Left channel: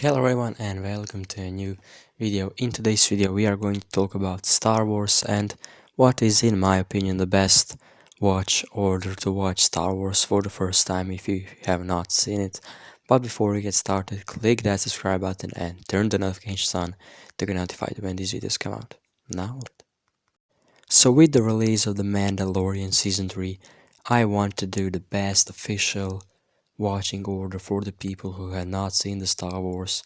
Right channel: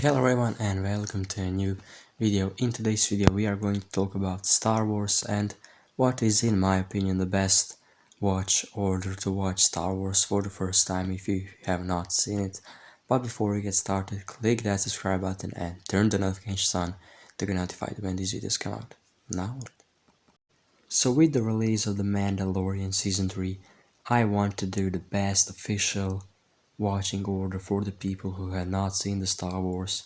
Hello everyone and welcome to a new video. In today's video we are going to talk about Star Wars and what is in my opinion the best watch order to watch Star Wars for the first time if you have not seen it. But before we get started, click that subscribe button and turn the notifications on to get notified when these videos come out. Now, so with the release of The Mandalorian Season 3, I want to do the best official watching order for the people who have not seen the Star Wars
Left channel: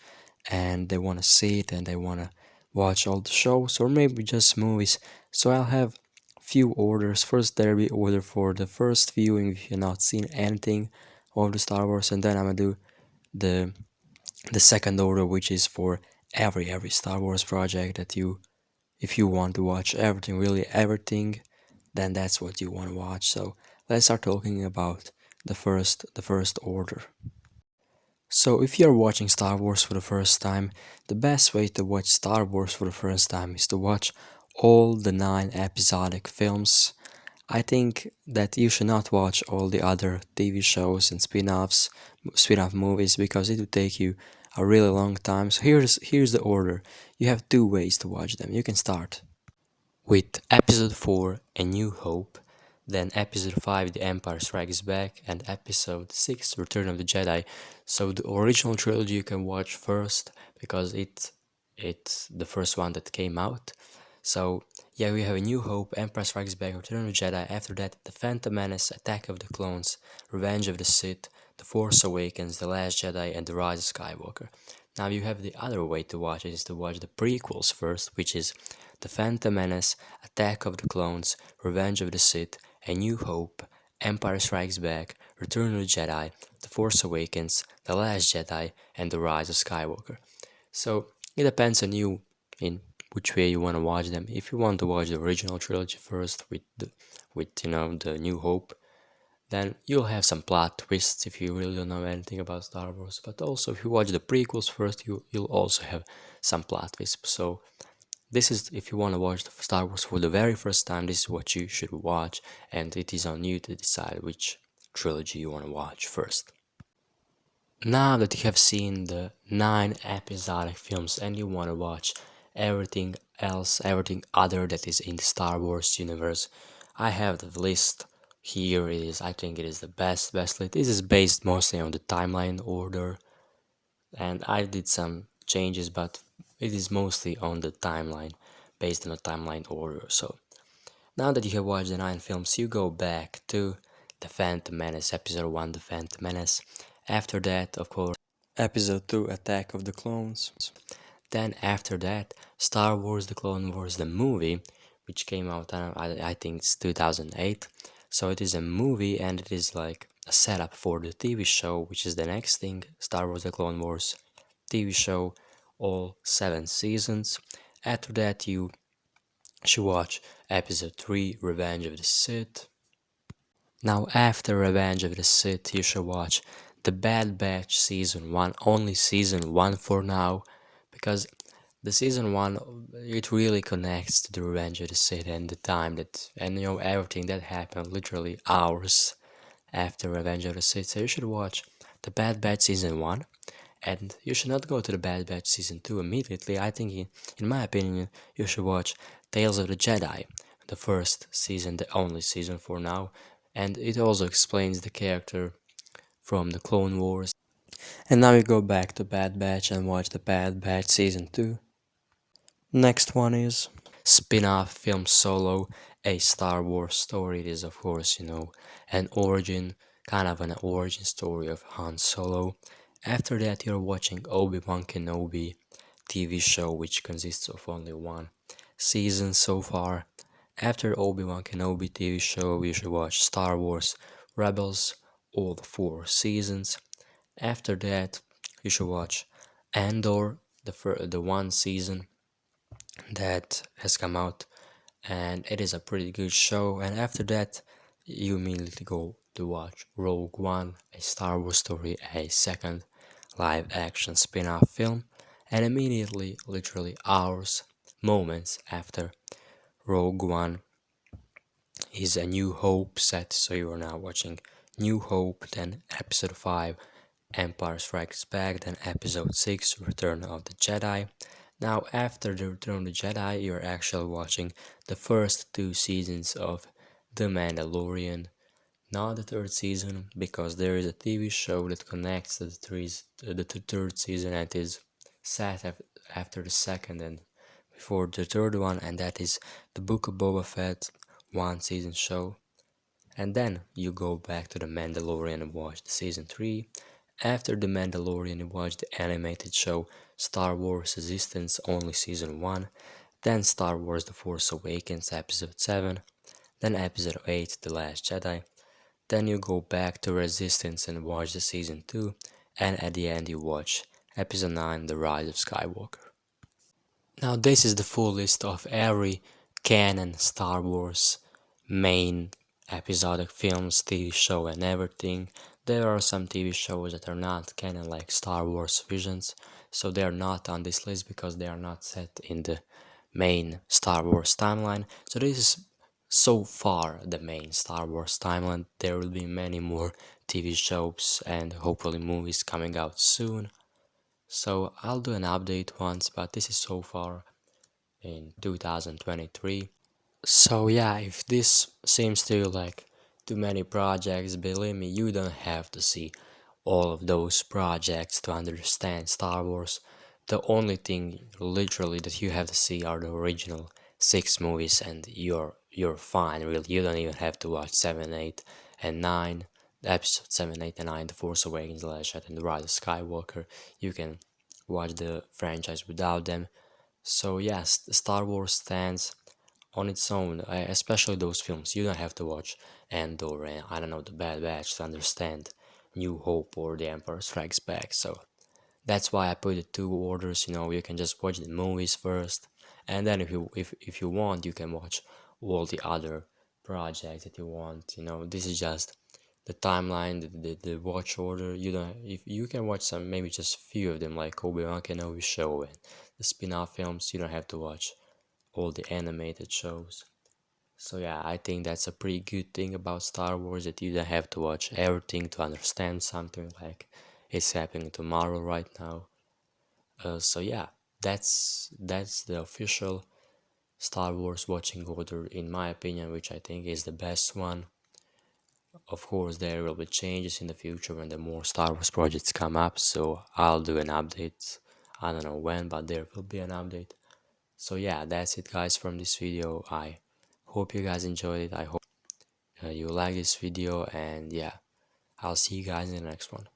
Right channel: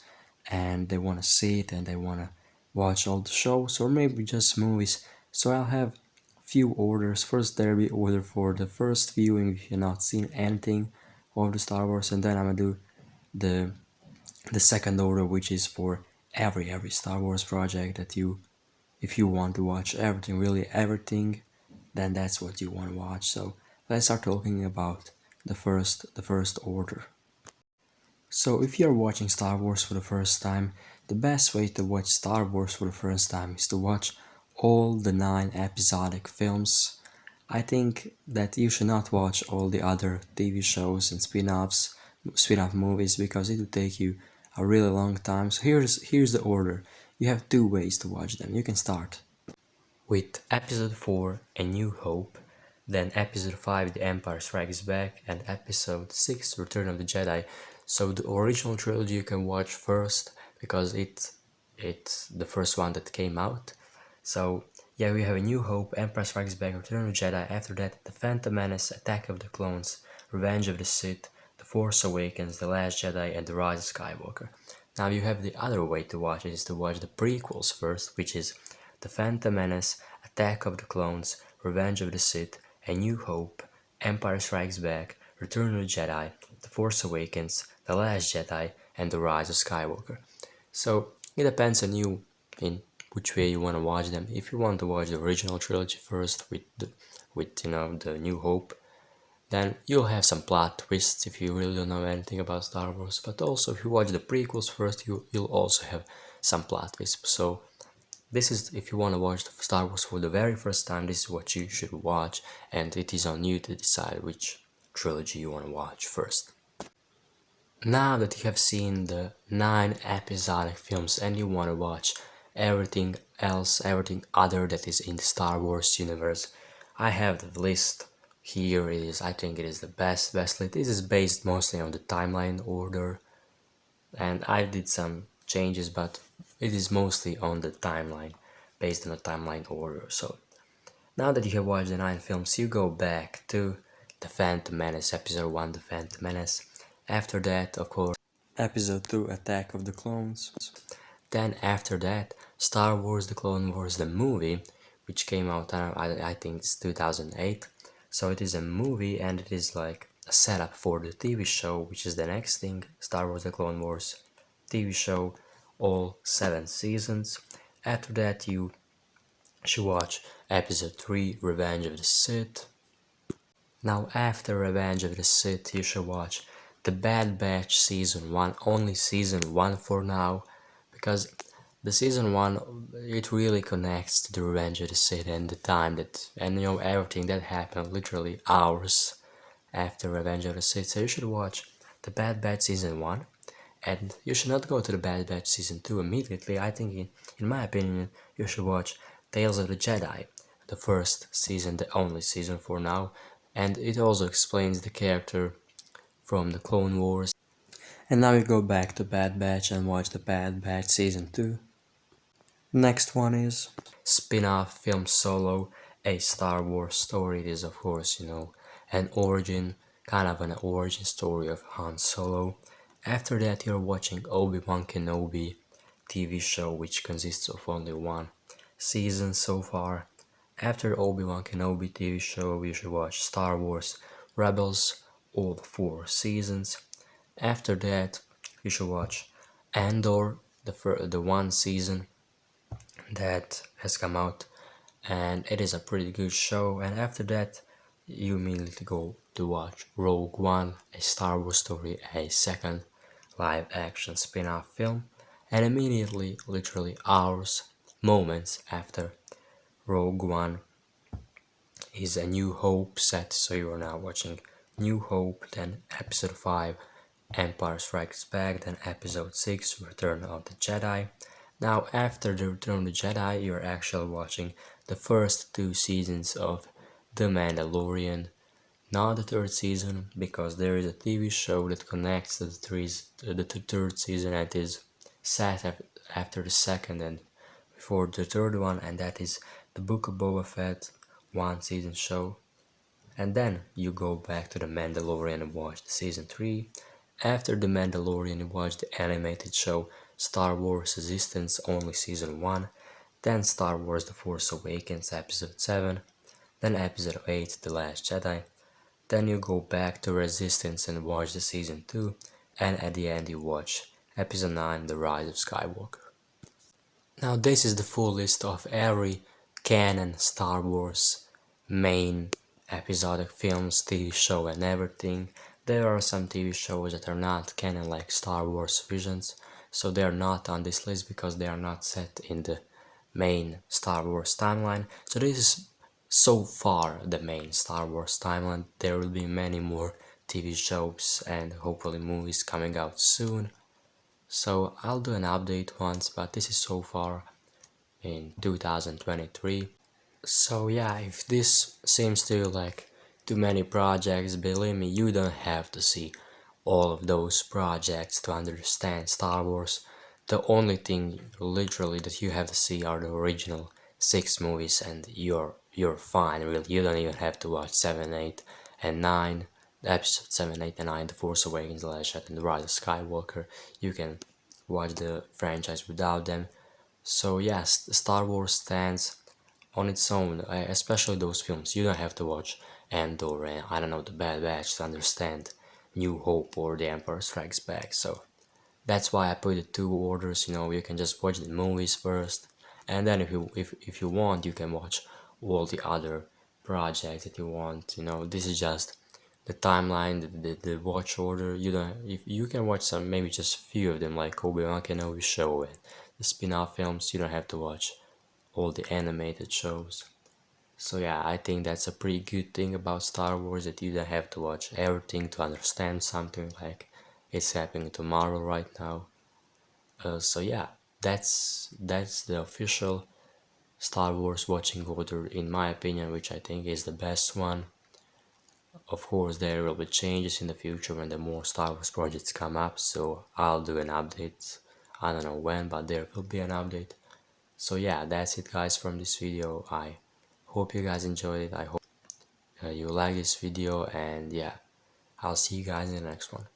and they want to see it and they want to watch all the shows or maybe just movies. So I'll have few orders. First there will be order for the first viewing if you've not seen anything of the Star Wars, and then I'm gonna do the second order, which is for every Star Wars project that if you want to watch everything, really everything, then that's what you want to watch. So let's start talking about the first order. So if you're watching Star Wars for the first time, the best way to watch Star Wars for the first time is to watch all the 9 episodic films. I think that you should not watch all the other TV shows and spin-off movies, because it will take you a really long time. So here's the order. You have 2 ways to watch them. You can start with Episode 4, A New Hope, then Episode 5, The Empire Strikes Back, and Episode 6, Return of the Jedi. So the original trilogy you can watch first, because it's the first one that came out. So yeah, we have A New Hope, Empire Strikes Back, Return of the Jedi. After that, The Phantom Menace, Attack of the Clones, Revenge of the Sith, The Force Awakens, The Last Jedi, and The Rise of Skywalker. Now you have the other way to watch it, is to watch the prequels first, which is The Phantom Menace, Attack of the Clones, Revenge of the Sith, A New Hope, Empire Strikes Back, Return of the Jedi, The Force Awakens, The Last Jedi, and The Rise of Skywalker. So it depends on you in which way you want to watch them. If you want to watch the original trilogy first with the New Hope, then you'll have some plot twists if you really don't know anything about Star Wars. But also if you watch the prequels first, you'll also have some plot twists. So this is, if you want to watch the Star Wars for the very first time, this is what you should watch, and it is on you to decide which trilogy you want to watch first. Now that you have seen the 9 episodic films and you want to watch everything else, everything other that is in the Star Wars universe, I have the list here. I think it is the best list. This is based mostly on the timeline order, and I did some changes, but it is mostly on the timeline, based on the timeline order. So now that you have watched the 9 films, you go back to The Phantom Menace, Episode 1, The Phantom Menace. After that, of course, Episode 2, Attack of the Clones. Then after that, Star Wars The Clone Wars, the movie, which came out, I think it's 2008. So it is a movie, and it is like a setup for the TV show, which is the next thing, Star Wars The Clone Wars TV show, all 7 seasons. After that, you should watch Episode 3, Revenge of the Sith. Now after Revenge of the Sith, you should watch The Bad Batch Season 1, only Season 1 for now, because the Season 1, it really connects to the Revenge of the Sith and the time that, and everything that happened literally hours after Revenge of the Sith. So you should watch The Bad Batch Season 1, and you should not go to The Bad Batch Season 2 immediately. I think, in my opinion, you should watch Tales of the Jedi, the first season, the only season for now, and it also explains the character from the Clone Wars. And now you go back to Bad Batch and watch The Bad Batch Season 2. Next one is spin-off film Solo, a Star Wars story. It is, of course, an origin, kind of an origin story of Han Solo. After that, you're watching Obi-Wan Kenobi TV show, which consists of only 1 season so far. After Obi-Wan Kenobi TV show, you should watch Star Wars Rebels, all 4 seasons. After that, you should watch Andor, the 1 season that has come out, and it is a pretty good show. And after that, you immediately go to watch Rogue One, a Star Wars story, a second live action spin-off film, and immediately, literally hours, moments after Rogue One, is A New Hope set. So you are now watching New Hope, then Episode 5, Empire Strikes Back, then Episode 6, Return of the Jedi. Now, after the Return of the Jedi, you're actually watching the first two seasons of The Mandalorian. Not the third season, because there is a TV show that connects to the third season and is set after the second and before the third one, and that is the Book of Boba Fett one season show. And then you go back to The Mandalorian and watch the season 3. After The Mandalorian, you watch the animated show Star Wars Resistance, only season 1. Then Star Wars The Force Awakens, episode 7. Then episode 8, The Last Jedi. Then you go back to Resistance and watch the season 2. And at the end, you watch episode 9, The Rise of Skywalker. Now, this is the full list of every canon Star Wars main episodic films, TV show, and everything. There are some TV shows that are not canon, like Star Wars Visions, so they are not on this list because they are not set in the main Star Wars timeline. So this is so far the main Star Wars timeline. There will be many more TV shows and hopefully movies coming out soon. So I'll do an update once, but this is so far in 2023. So yeah, if this seems to you like too many projects, believe me, you don't have to see all of those projects to understand Star Wars. The only thing literally that you have to see are the original 6 movies, and you're fine, really. You don't even have to watch 7, 8, and 9. Episode 7, 8, and 9, The Force Awakens, The Last Jedi, and The Rise of Skywalker. You can watch the franchise without them. So yes, Star Wars stands on its own, especially those films. You don't have to watch Andor and I don't know, The Bad Batch to understand New Hope or The Empire Strikes Back. So that's why I put the two orders. You can just watch the movies first, and then if you want, you can watch all the other projects that you want. This is just the timeline, the watch order. You don't if you can watch some, maybe just a few of them, like Obi-Wan Kenobi show and the spin-off films. You don't have to watch all the animated shows. So yeah, I think that's a pretty good thing about Star Wars, that you don't have to watch everything to understand something like it's happening tomorrow right now. So yeah, that's the official Star Wars watching order in my opinion, which I think is the best one. Of course, there will be changes in the future when the more Star Wars projects come up, so I'll do an update. I don't know when, but there will be an update. So yeah, that's it guys from this video. I hope you guys enjoyed it. I hope you like this video, and yeah, I'll see you guys in the next one.